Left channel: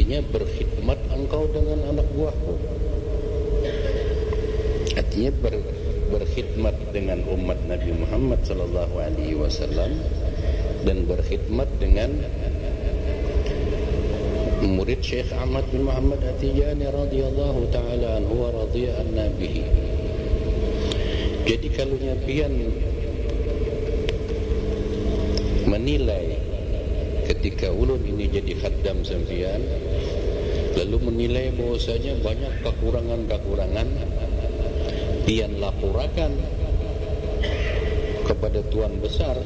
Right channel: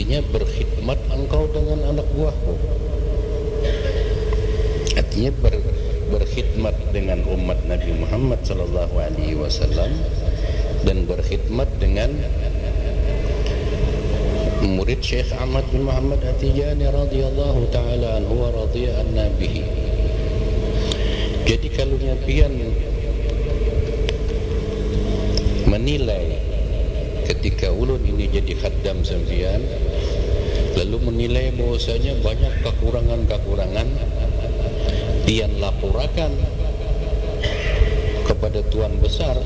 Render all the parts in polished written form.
Artinya berkhidmat engkau dengan anak buahku. Artinya berkhidmat dengan umat Nabi Muhammad sallallahu alaihi wasallam dan berkhidmat dengan murid Syekh Ahmad bin Muhammad At-Tijani radhiyallahu taala anhu wa radhiya anna bihi. Jadi kalau pian menilai ketika ulun ini jadi khaddam sampian, lalu menilai bahwasanya banyak kekurangan-kekurangan, pian laporakan kepada Tuan Besar,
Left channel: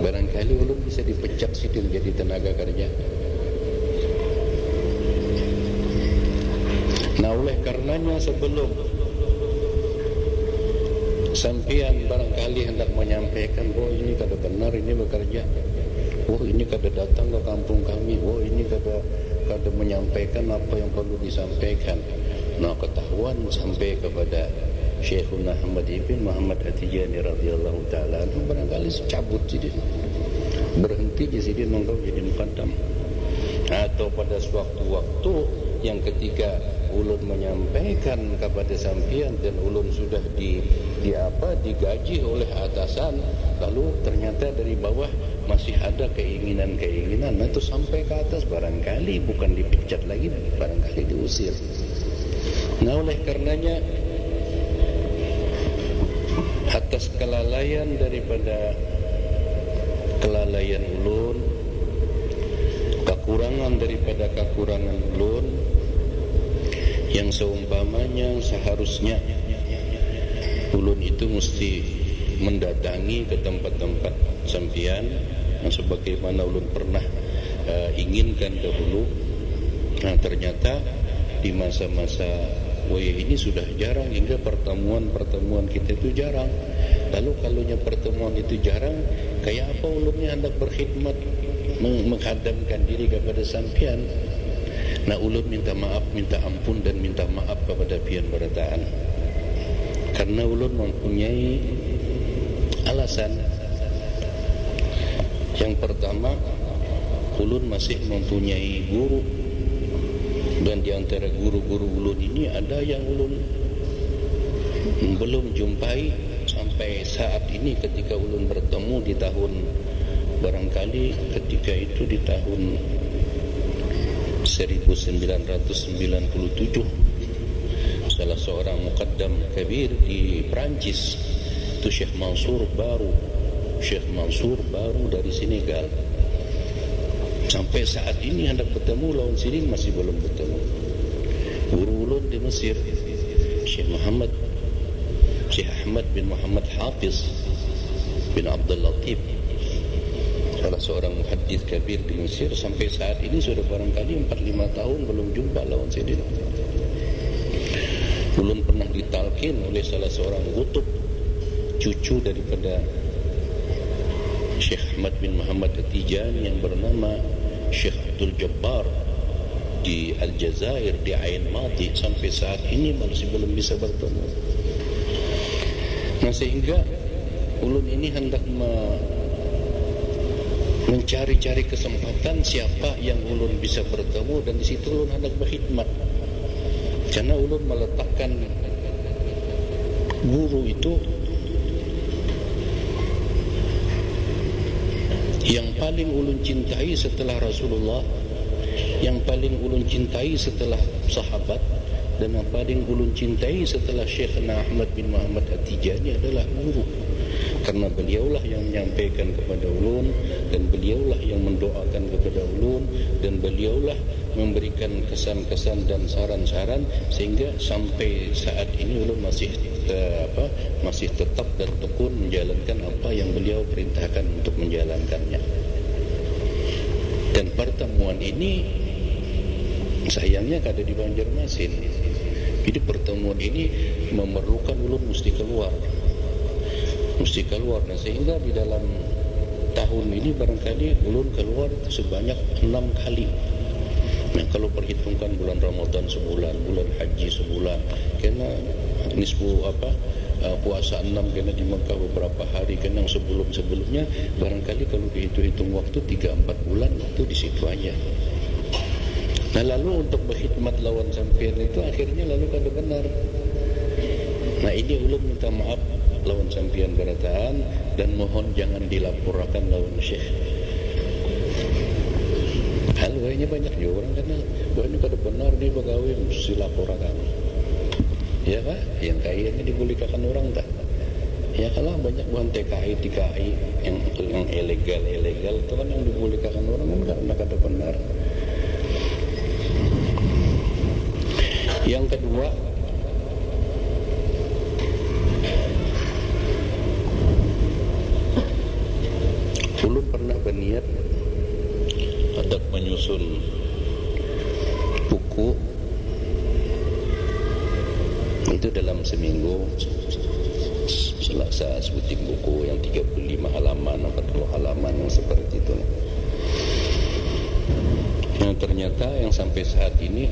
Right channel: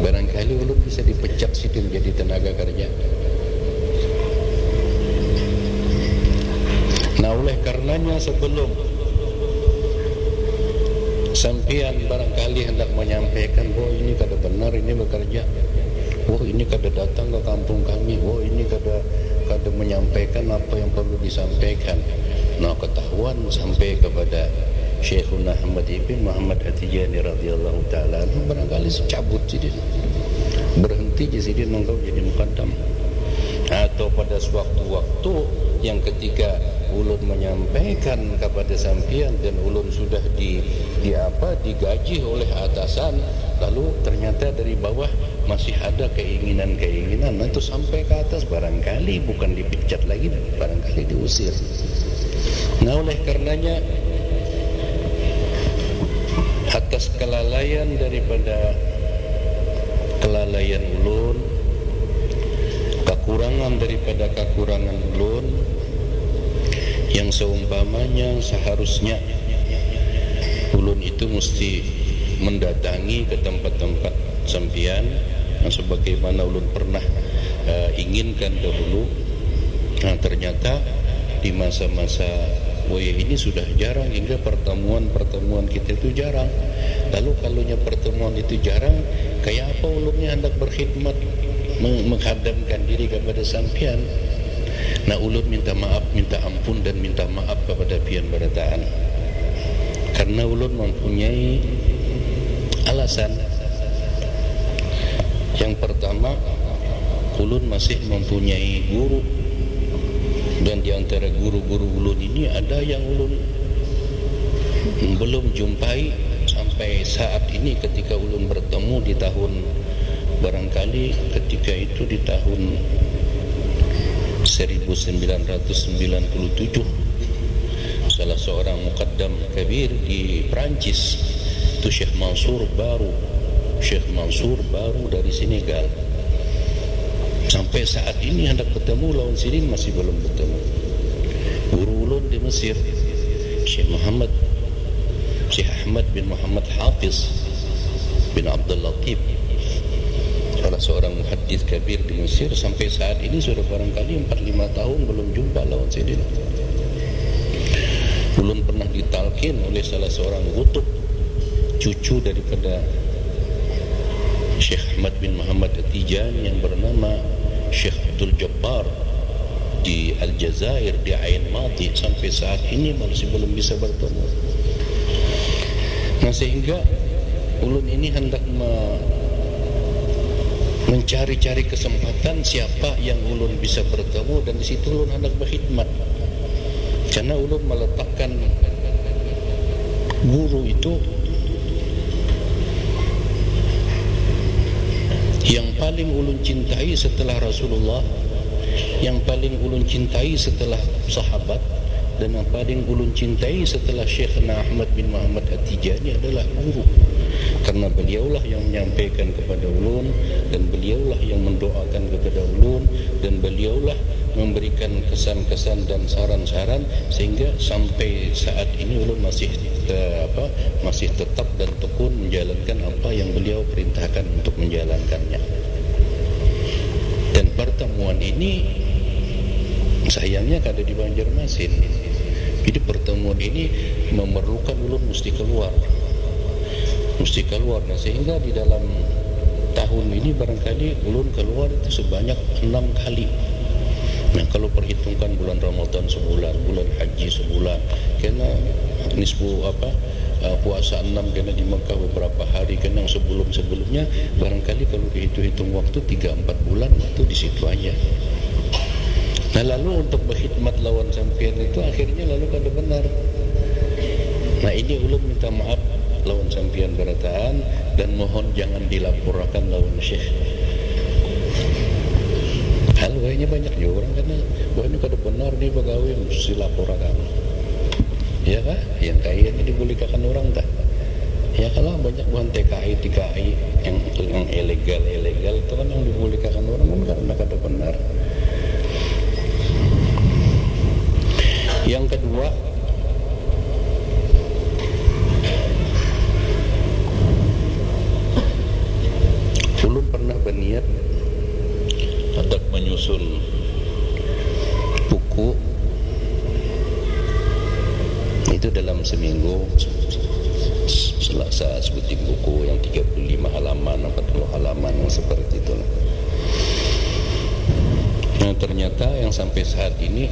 barangkali ulun bisa dipecat situ menjadi tenaga kerja. Nah, oleh karenanya sebelum sampian barangkali hendak menyampaikan, oh ini kada benar ini bekerja, oh ini kada datang ke kampung kami, oh ini kada menyampaikan apa yang perlu disampaikan. Nah, ketahuan sampai kepada Syekhuna Ahmad ibn Muhammad At-Tijani radhiyallahu taala anhu, barangkali secabut sidin, berhenti je sidin engkau jadi muqaddam. Atau pada sewaktu-waktu yang ketika ulun menyampaikan kepada sampian dan ulun sudah digaji oleh atasan, lalu ternyata dari bawah masih ada keinginan-keinginan, nah itu sampai ke atas, barangkali bukan dipecat lagi, barangkali diusir. Nah, oleh karenanya atas kelalaian daripada kelalaian ulun, kekurangan daripada kekurangan ulun, yang seumpamanya seharusnya ulun itu mesti mendatangi ke tempat-tempat sampian yang sebagaimana ulun pernah inginkan dahulu. Nah, ternyata di masa-masa ini sudah jarang, hingga pertemuan-pertemuan kita itu jarang. Lalu kalaunya pertemuan itu jarang, kayak apa ulunnya hendak berkhidmat menghadamkan diri kepada sampian. Nah, ulun minta maaf, minta ampun dan minta maaf kepada pian berataan, karena ulun mempunyai alasan. Yang pertama, ulun masih mempunyai guru, dan di antara guru-guru ulun ini ada yang ulun belum jumpai sampai saat ini. Ketika ulun bertemu di tahun, barangkali ketika itu di tahun 1997, salah seorang muqaddam kabir di Perancis itu Syekh Mansur Baru dari Senegal. Sampai saat ini hendak bertemu lawan sini masih belum bertemu. Guru ulun di Mesir Syekh Ahmad bin Muhammad Hafiz bin Abdul Latif, salah seorang muhaddits kabir di Mesir, sampai saat ini sudah barangkali 4-5 tahun belum jumpa lawan sidin. Ulun pernah ditalkin oleh salah seorang kutub, cucu daripada Syekh Ahmad bin Muhammad At-Tijani yang bernama Syekh Abdul Jabbar di Aljazair, di Ain Mati, sampai saat ini masih belum bisa bertemu. Nah, sehingga ulun ini hendak mencari-cari kesempatan siapa yang ulun bisa bertemu, dan di situ ulun hendak berkhidmat. Karena ulun meletakkan guru itu yang paling ulun cintai setelah Rasulullah, yang paling ulun cintai setelah sahabat, dan yang paling ulun cintai setelah Syekhna Ahmad bin Muhammad At-Tijani adalah guru. Karena beliaulah yang menyampaikan kepada ulun, dan beliaulah yang mendoakan kepada ulun, dan beliaulah memberikan kesan-kesan dan saran-saran, sehingga sampai saat ini ulun masih tetap dan tekun menjalankan apa yang beliau perintahkan untuk menjalankannya. Dan pertemuan ini sayangnya kada di Banjarmasin. Jadi pertemuan ini memerlukan ulun mesti keluar. Nah, sehingga di dalam tahun ini barangkali ulun keluar itu sebanyak 6 kali. Nah, kalau perhitungkan bulan Ramadan sebulan, bulan Haji sebulan, kena nisbu puasa 6 kena di Mekah beberapa hari, kena sebelum-sebelumnya barangkali kalau dihitung-hitung waktu 3-4 bulan itu di situ aja. Nah lalu untuk berkhidmat lawan sampean itu akhirnya lalu kada benar. Nah ini ulun minta maaf lawan sampean berataan dan mohon jangan dilaporkan lawan Syekh. Hal wahnya banyak juga orang karena wahnya kada benar nih pegawai mesti laporkan. Ya kah? Yang kayaknya dibolehkan orang tak? Ya kalau banyak bukan TKI yang ilegal itu kan yang dibolehkan orang kan karena kada benar. Yang kedua, ulun pernah berniat hendak menyusun buku itu dalam seminggu. Selasa sebutin buku yang 35 halaman, 40 halaman yang seperti itu. Nah ternyata yang sampai saat ini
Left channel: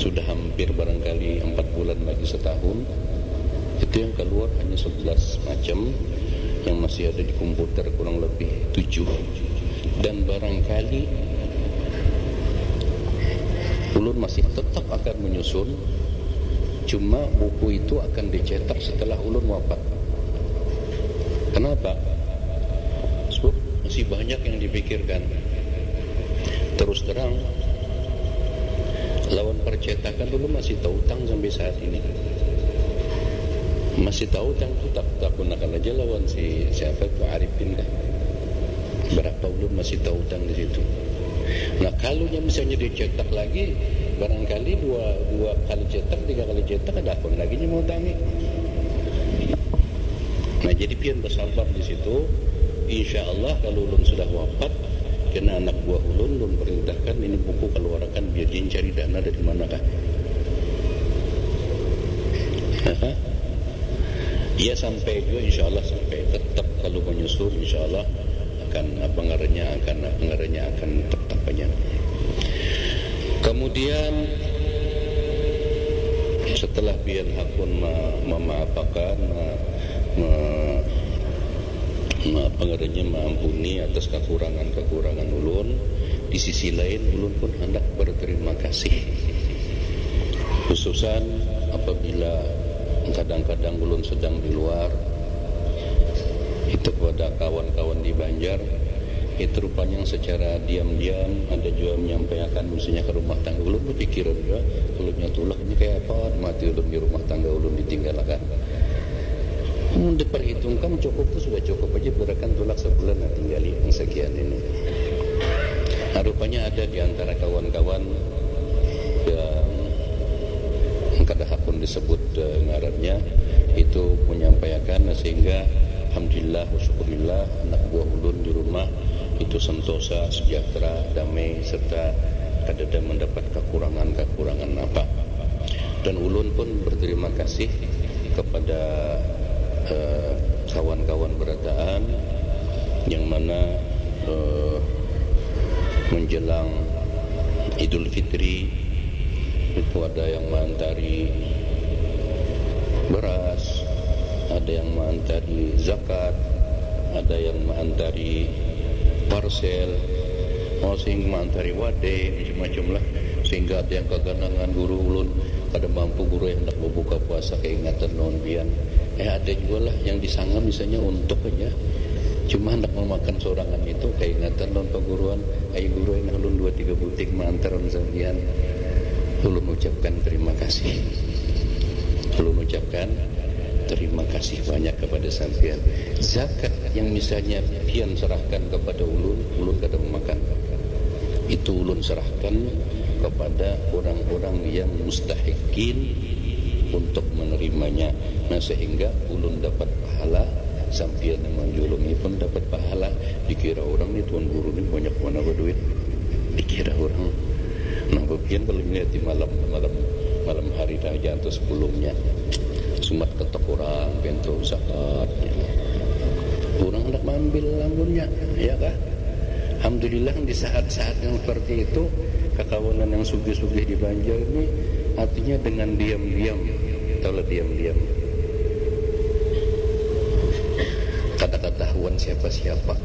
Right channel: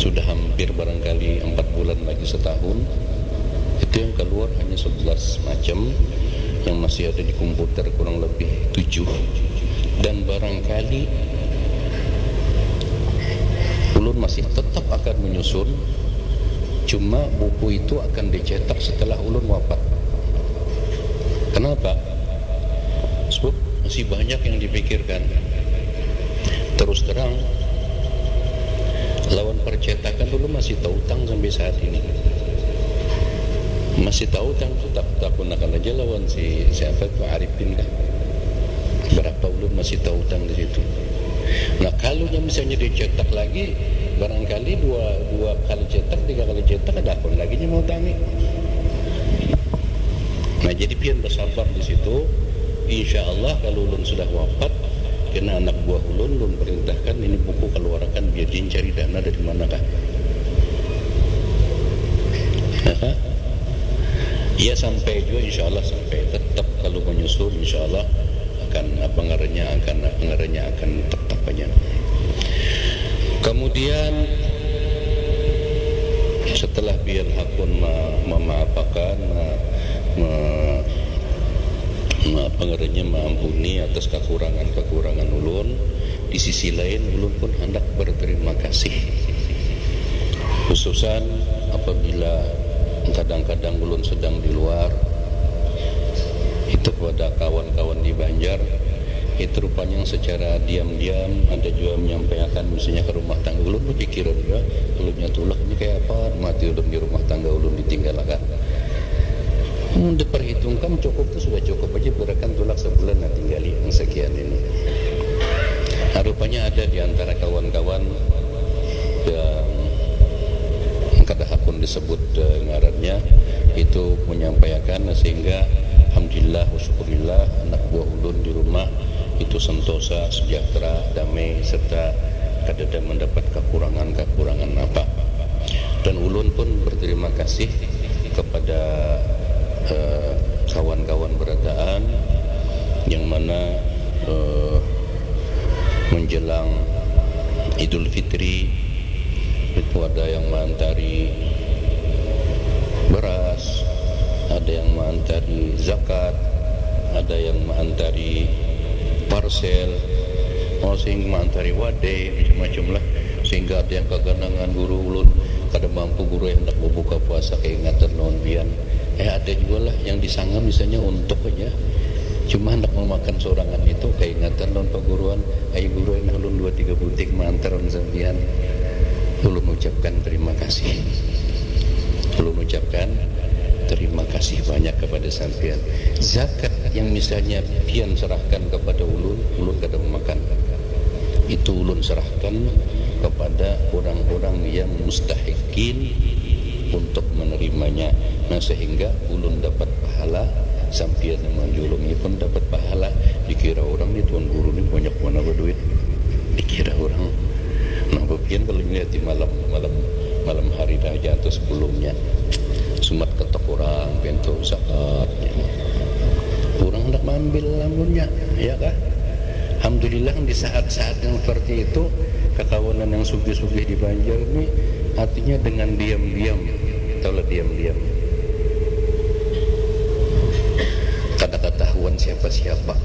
sudah hampir barangkali 4 bulan lagi setahun, itu yang keluar hanya 11 macam, yang masih ada di komputer kurang lebih 7. Dan barangkali ulun masih tetap akan menyusun, cuma buku itu akan dicetak setelah ulun wafat. Kenapa? Sebab masih banyak yang dipikirkan. Terus terang, lawan percetakan dulu masih tahu utang sampai saat ini. Masih tahu utang itu tak gunakan aja lawan siapa itu Arifin kan. Berapa ulun masih tahu utang di situ. Nah kalau misalnya dicetak lagi, barangkali dua kali cetak, 3 kali cetak ada akun lagi mau utangi. Nah jadi pian bersabar di situ. Insya Allah kalau ulun sudah wafat, kena anak buah ulun perintahkan ini buku keluarkan biar dia cari dana dari manakah. Ya sampai juga insya Allah sampai tetap kalau menyusul insya Allah akan pengaruhnya akan tetap aja. Kemudian setelah biar hakun memaafkan mengampuni atas kekurangan ulun, di sisi lain ulun pun hendak berterima kasih, khususan apabila kadang-kadang ulun sedang di luar itu kepada kawan-kawan di Banjar. Itu rupanya secara diam-diam ada juga menyampaikan misalnya ke rumah tangga ulun, berpikiran juga ulun nyatulak ini kayak apa mati ulun di rumah tangga ulun ditinggalkan. Diperhitungkan cukup itu sudah cukup aja berakan tulak sebulan nah tinggali yang sekian ini. Nah, rupanya ada di antara kawan-kawan yang kada hakun disebut ngarannya itu menyampaikan, sehingga alhamdulillah wa syukurillah anak buah ulun di rumah itu sentosa, sejahtera, damai, serta kada mendapat kekurangan apa. Dan ulun pun berterima kasih kepada kawan-kawan berataan yang mana menjelang Idul Fitri itu ada yang mengantari beras, ada yang mengantari zakat, ada yang mengantari parsel, sehingga mengantari wade macam-macam lah, sehingga ada yang keganangan guru ulun kada mampu guru yang hendak berbuka puasa keingatan non bian. Ada juga lah yang disangka misalnya untuk aja cuma hendak memakan sorangan itu keingatan non perguruan, ayo guru yang ulun 2-3 butik mantaran sampian. Ulun ucapkan terima kasih. Ulun ucapkan terima kasih banyak kepada sampian. Zakat yang misalnya pian serahkan kepada ulun kada memakan. Itu ulun serahkan kepada orang-orang yang mustahikin untuk menerimanya. Nah sehingga ulun dapat pahala, sampian yang menjulungi pun dapat pahala. Dikira orang ni tuan guru ni banyak mana berduit, dikira orang. Nah bagian kalau melihat di malam hari raja atau sebelumnya sumat ketok orang bentuk zakatnya, orang hendak mengambil lampunnya, ya kah? Alhamdulillah di saat-saat yang seperti itu kekawanan yang sugih-sugih di Banjar ini artinya dengan diam-diam, taulah diam-diam, kada ketahuan siapa-siapa